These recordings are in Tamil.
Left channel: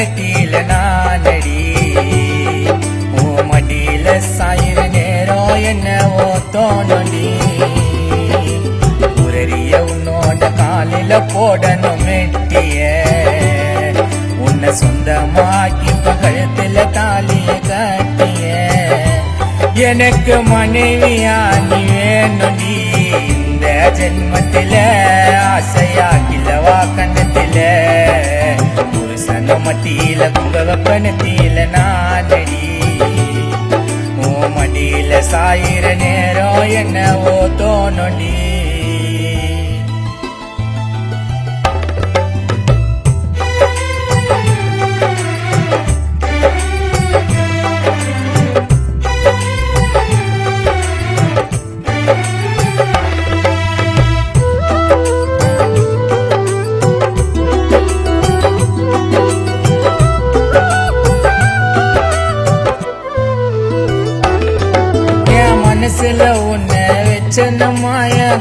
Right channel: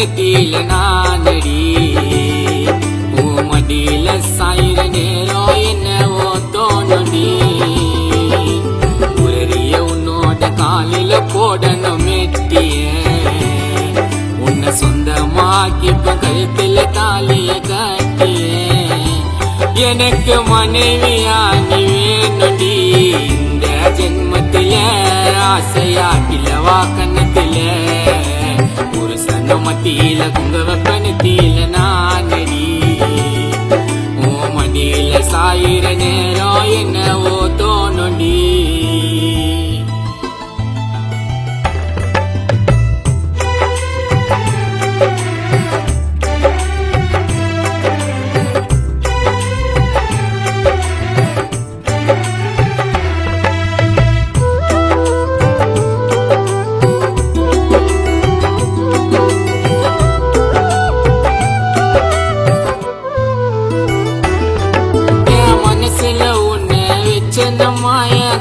நெத்தியில நானடி மடியில சாயிர நேரம் என்னவோ தோணுடி உரறிய உன்னோட காலில போடணும் மெட்டிய உன்னை சொந்தமாக்கி கழுத்துல தாலிய கட்டிய எனக்கு மனைவியா நீ வேணுடி இந்த ஜென்மத்தில ஆசையா கிழவா கண்ணத்தில புருஷன மத்தியில குங்க வெப்பனத்தில நானடி மடியில சாயிர நேரம் என்னவோ தோணுடி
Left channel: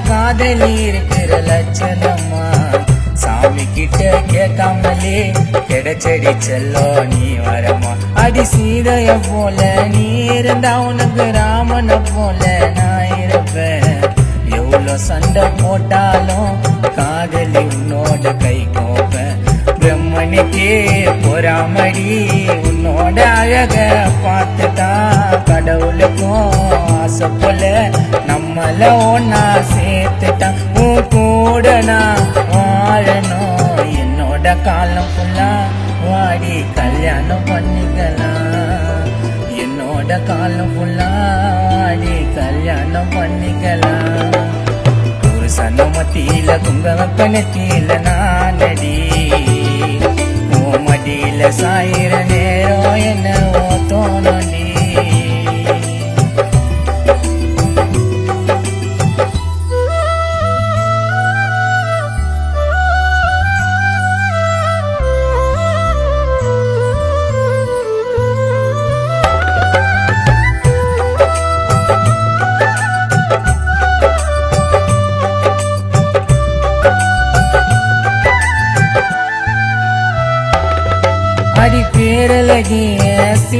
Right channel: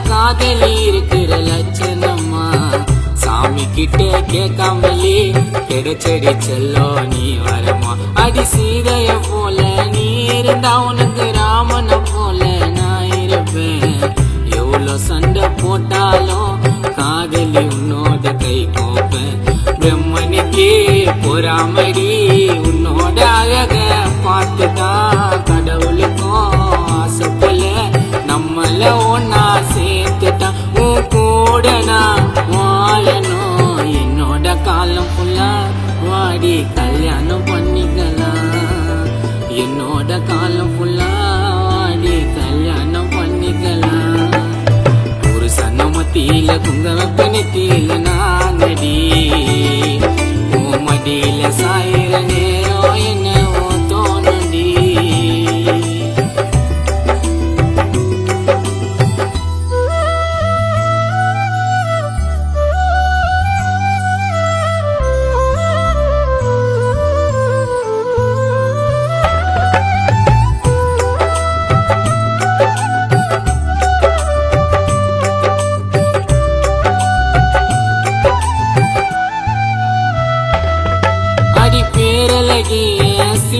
காதலி இருக்கிற லட்சணமா சாமி கிட்ட கேட்காமலே கிடைச்சடி செல்லோ நீ வரமா அடி சீதைய போல நீ இருந்தா உனக்கு ராமனை போல நான் இருப்பேன் எவ்வளோ சண்டை போட்டாலும் காதலி உன்னோட கை கோப்பேன் பிரம்மனுக்கே பொறாமடி உன்னோட அழக பார்த்துதான் கடவுளுக்கும் ஆசை போல நம்மள ஒன்னா சேர்த்துட்டான் உன் கூட நான் வாழணும் என்னோட காலம் ஃபுல்லா வாடி கல்யாணம் பண்ணிக்கலாம் என்னோட காலம் ஃபுல்லா வாடி கல்யாணம் பண்ணிக்கலாம் புருஷன மத்தியில குங்க வெப்பனத்தில நானடி மடியில சாயிர நேரம் என்னவோ தோணுடி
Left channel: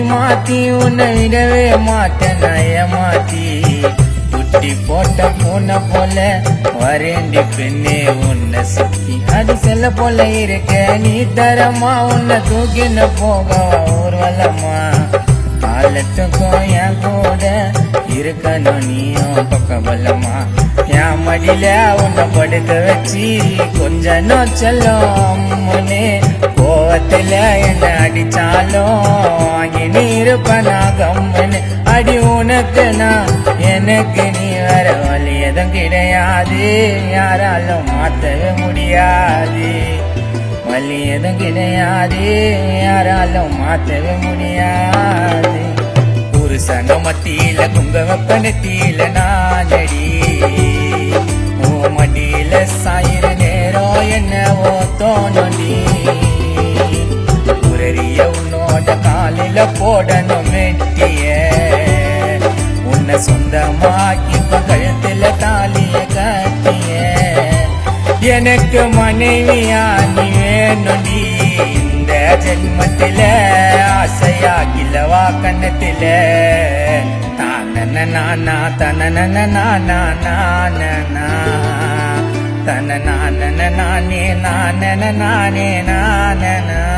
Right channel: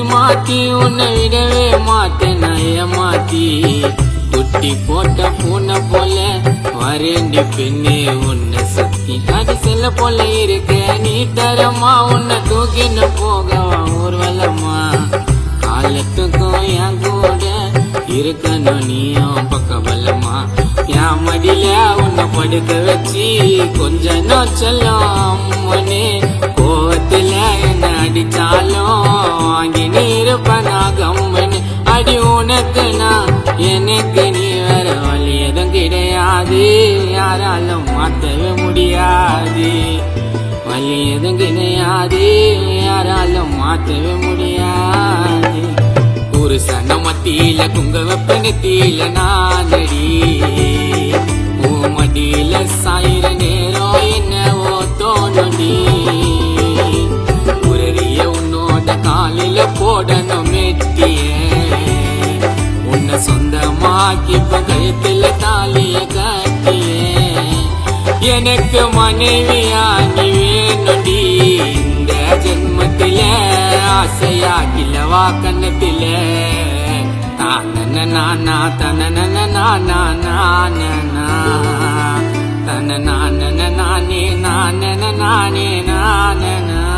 மாத்தி உன்னை விடவே மாட்டேன் நயமாத்தி குட்டி போட்ட பூனை போல வரேண்டி பெண்ணே உன்னை சுத்தி அடி செல்ல போல இருக்க நீ தரமா உன்னை தூக்கின்னு போகவா ஊர்வலமா காலத்துக்கும் என் கூட இருக்கணும் நீயும் பக்கபலமா என் மடியில உன்னை படுக்க வச்சு கொஞ்ச செல்லும் முன்னே கோவத்துல என்ன அடிச்சாலும் வாங்கி நீ இருப்பனாகம்மன்னு அடி உனக்கு நான் எனக்கு நீ வேற வழி எதுவும் கிடையாது யாராலும் மாத்தவே முடியாது வழி எதுவும் கிடையாது யாராலும் மாத்தவே முடியாது புருஷன மத்தியில குங்க வெப்பனத்தில நானடி மடியில சாயிர நேரம் என்னவோ தோணுடி உரறிய உன்னோட காலில போடணும் மெட்டிய உன்னை சொந்தமாக்கி கழுத்துல தாலிய கட்டிய எனக்கு மனைவியா நீ வேணுடி இந்த ஜென்மத்தில ஆசையா கிழவா கண்ணத்தில தான நானா தன நானா தன நானே நானே நானே நான